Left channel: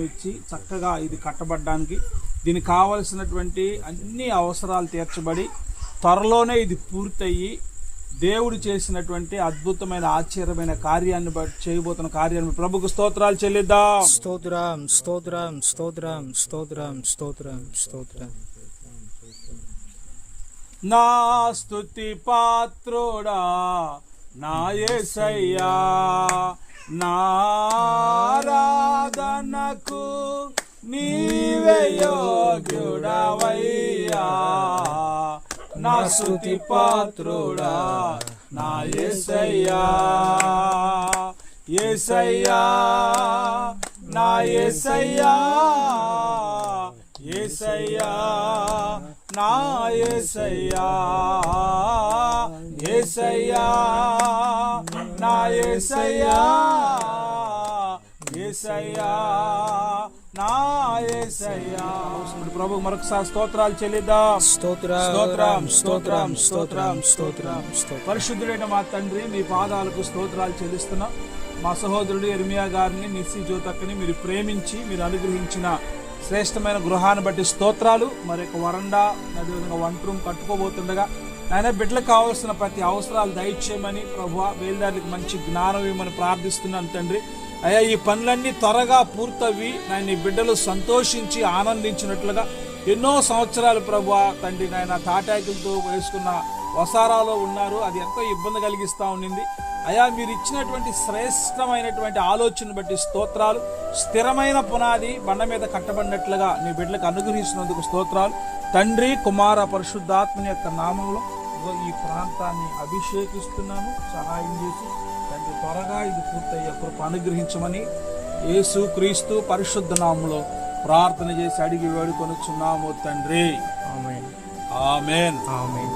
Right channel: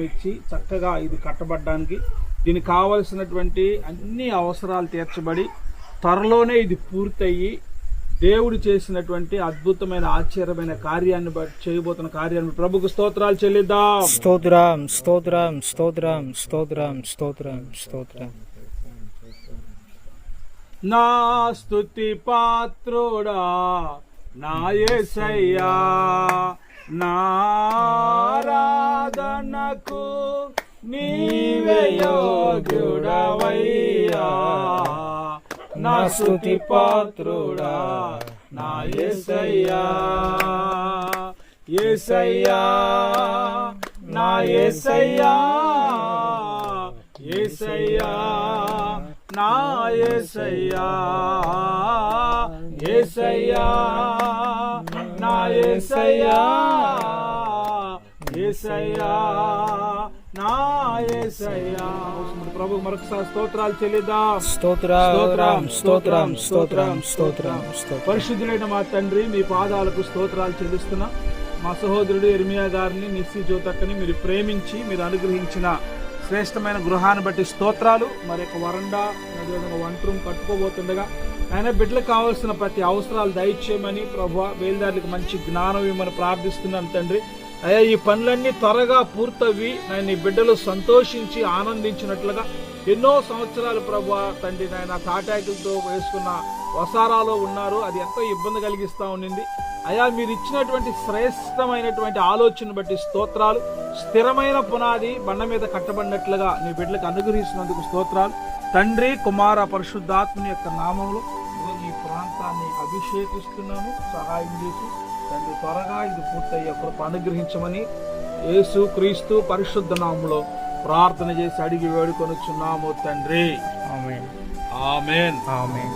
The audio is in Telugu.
ఇచ్చి చక్కగా ఇది కట్టబడడానికి దీనికి కావలసినటువంటి అన్ని అవసరాలు తీర్చబడి త్వరలోనే ఇది పూర్తయ్యి దేవుడు చేసినటువంటి అద్భుతమైన ఆశ్చర్యమైన కార్యాన్ని చేయబోతున్న కార్యాన్ని ప్రభుకు స్తోత్రాలు చెల్లిద్దాం. స్తోత్రం స్తోత్రం స్తోత్రం స్తోత్రం స్తోత్రం స్తోత్రం. నా స్తుతి పాత్రుడా నా యేసయ్యా, నా ఆరాధనకు నీవే యోగ్యుడవయ్యా. నా స్తుతి పాత్రుడా నా యేసయ్యా, యేసయ్యా నా యేసయ్యా, యేసయ్యా నా యేసయ్యా, యేసయ్యా నా యేసయ్యా, యేసయ్యా నా యేసయ్యా. ప్రభు మరొకసారి స్తోత్రాలు చెల్లిద్దాం. స్తోత్రం స్తోత్రం స్తోత్రం స్తోత్రం స్తోత్రం. పరిశుద్ధులైన మా తండ్రి, మీ పాదాలకు స్తోత్రాలు చెల్లిస్తున్నా. మా సహోదరుడు ఇర్మియా గారిని, నిస్సి జ్యోతక్కని మీరు ప్రేమించి మీరు అనుగ్రహించిన శ్రేష్టమైన గృహాన్ని బట్టి స్తోత్రాలు. మరి ఒక వరండా అదేవిధంగా వంట రూమ్ కట్టుకోబోతుండగా ఆయన బిడ్డలకు కావాల్సిన ప్రతి అవసరాలు దయచేయమని ప్రభువా, బయలుదారులకు మంచి జ్ఞానం ఇవ్వమని ప్రార్థిస్తున్నాను తండ్రి. అయ్యా, ఈ పనులన్నీ త్వరగా పూర్తవి ఆయన ఈ బిడ్డలు సంతోషించి ఆనందించినట్లుగా ఎన్నో సంవత్సరాలు ప్రభువా తండ్రి ఆయన తాటాకులతో వేసుకున్న వసారాలో ఉన్నారు. అది ఎంతో ఇబ్బంది కలిగిస్తూ ఉండింది. అయ్యా, మీరు ఇచ్చినటువంటి శ్రేష్టమైనటువంటి ఆలోచన బట్టి స్తోత్రాలు. స్థిరమైన పునాది బండ మీద కట్టబడినట్లుగా మీ బిడ్డలకు అనుగ్రహిస్తున్నందుకు స్తోత్రాలు. తండ్రి, కుమార, పరిశుద్ధాత్మని యొక్క నామంలో ఈ ప్రాంతాన్ని అభిషేకిస్తున్నాను. సహాయం చేసి తండ్రి త్వరగా ఇది పూర్తయ్యే కృప అనుగ్రహించమని యేసు క్రీస్తు పరిశుద్ధ నామంలో ప్రార్థన చేసి అడిగి వేడుకొనుచున్నాము తండ్రి. ఆమేన్ ఆమేన్ ఆమేన్.